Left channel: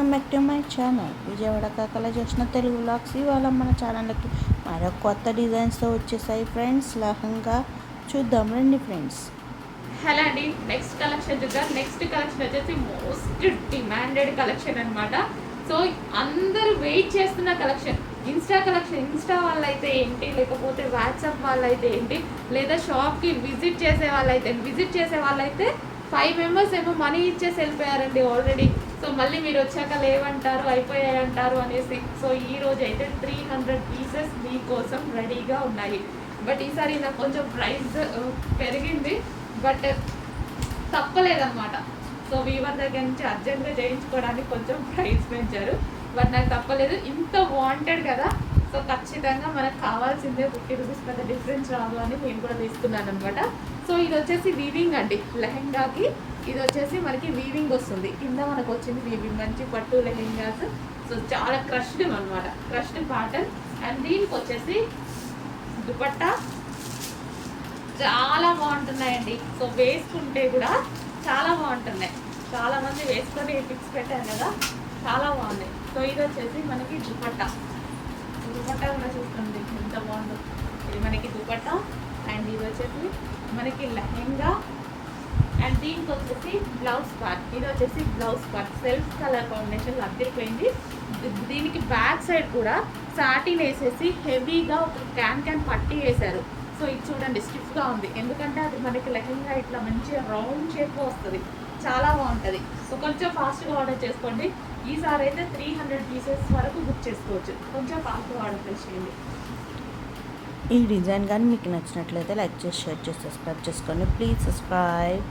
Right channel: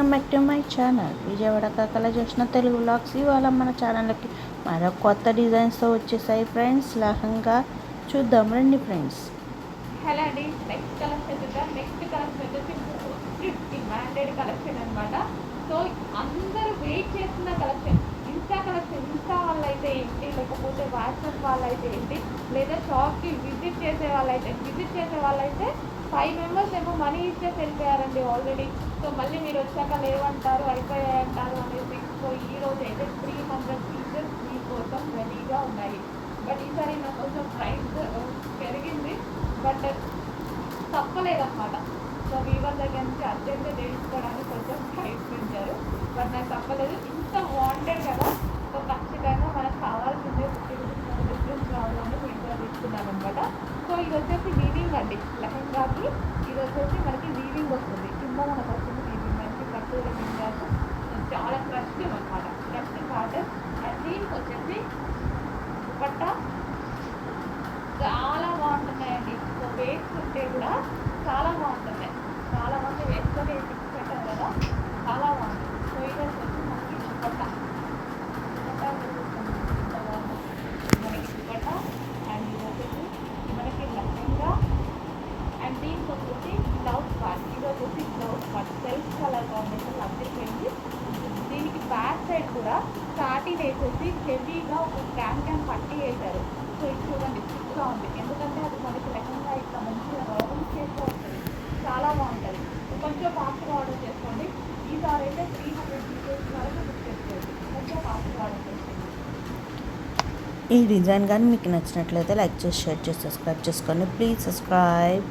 Welcome back to my channel Vijayawada కాకల వచ్చిన Telugu vlogs. ఇవాళ మన ఛానల్కి మరో కొత్త డిజైన్స్తో వచ్చేసాయి ఫ్రెండ్స్. లహంగా చూద్దాం రండి ఫ్రెండ్స్. హలో అండి, నెక్స్ట్ కలెక్షన్ చూద్దాం. నెక్స్ట్ కలెక్షన్ వచ్చేసి మోస్ట్ డిమాండెడ్ కలెక్షన్ అనమాట. సో అందరూ వెయిట్ చేస్తున్న కలెక్షన్. ఇన్స్టా వాళ్ళైతే ఏంటి, లేకపోతే వాట్సాప్ వాళ్ళైతే ఏంటి, లేదా షాప్కి విజిట్ చేసే వాళ్ళైతే 5 మెంబర్స్ ఏమో మనీ ఇచ్చేసి వెళ్ళిపోయారండి ఆల్రెడీ. సో మళ్ళీ మీరు వచ్చాక లేవంటారు, అయిపోయాయంటారు అనేసి. సో ఈ రోజు అయితే 300 పీసెస్ మీకోసం రెడీగా ఉన్నాయి. బట్ ఈసారి నాకు కొంచెం ప్రైస్ పెరిగింది, బట్ తప్పలేదన్నమాట. సో వీవర్ దగ్గర నుంచి అర్జెంట్గా చేయించుకోవడానికి కొంచెం ప్రైస్ పెంచారు, బట్ నాకు తప్పలేదు. ఇంత వాంటెడ్ కదా, సో ఖచ్చితంగా మనకు కావాల్సిందే 50 రూపీస్ పెద్ద డిఫరెన్స్ రావాలని నేను కూడా తీసుకున్నాను అనమాట. సో ఇది వచ్చేసి వీవింగ్ అండి. లెహెంగాకి ఇది వచ్చేసి మనకి వీవింగ్ వస్తుంది. కింద మనకు వచ్చింది వీవింగ్, మంచి పట్టు లెహెంగాస్. సో చాలా క్రష్డ్ అనమాట, క్రష్డ్ ప్యాటర్న్. అండ్ దీనికి వచ్చేసి దుపట్టా చాలా బాగుంటున్నాయండి. సో వేసుకుంటే కూడా చాలా బాగుంటున్నాయి. చాలామంది వేసుకొని పిక్స్ పెట్టారు కదా, చాలా బాగుంది. సో ఇది వచ్చేసి మనకి దుపట్టా కూడా చూస్తుంది ఎంత బాగుందో. ఇది మనకి దుపట్టా. అండ్ ఇది వచ్చేసి మనకి లెహెంగా. అండ్ దీనికి వచ్చేసి బ్లౌజ్ పార్ట్. ఇది వచ్చేసి బ్లౌజ్ పార్ట్ సెల్ఫ్ కలర్ కాంబినేషన్లో అద్దరిపోయింది. దీనికి బ్యాక్ సైడ్ కూడా సాటిన్ వేసేసి హెవీగా ఒక క్యాన్ పట్టి వేశారు. సో ఇది చూడండి, స్టిఫ్గా ఉంది. ఎందుకంటే అది మనకి లెహెంగా ఇట్లా మంచిగా రౌండ్ షేప్లో వస్తుంది, చాలా బాగుంటుంది. సో కొంచెం ఫాస్ట్గా ఆర్డర్ చేసుకోండి. ఈసారి అయితే 300 పీసెస్ వరకు బుక్ చేసుకోవచ్చు. కొంచెం ఫాస్ట్గా ఆర్డర్ చేసుకోండి. ఈ డిజైన్ కానీ మీకు నచ్చినట్లయితే లైక్ చేసి, షేర్ చేసి, సబ్స్క్రైబ్ చేసుకోండి. Please subscribe.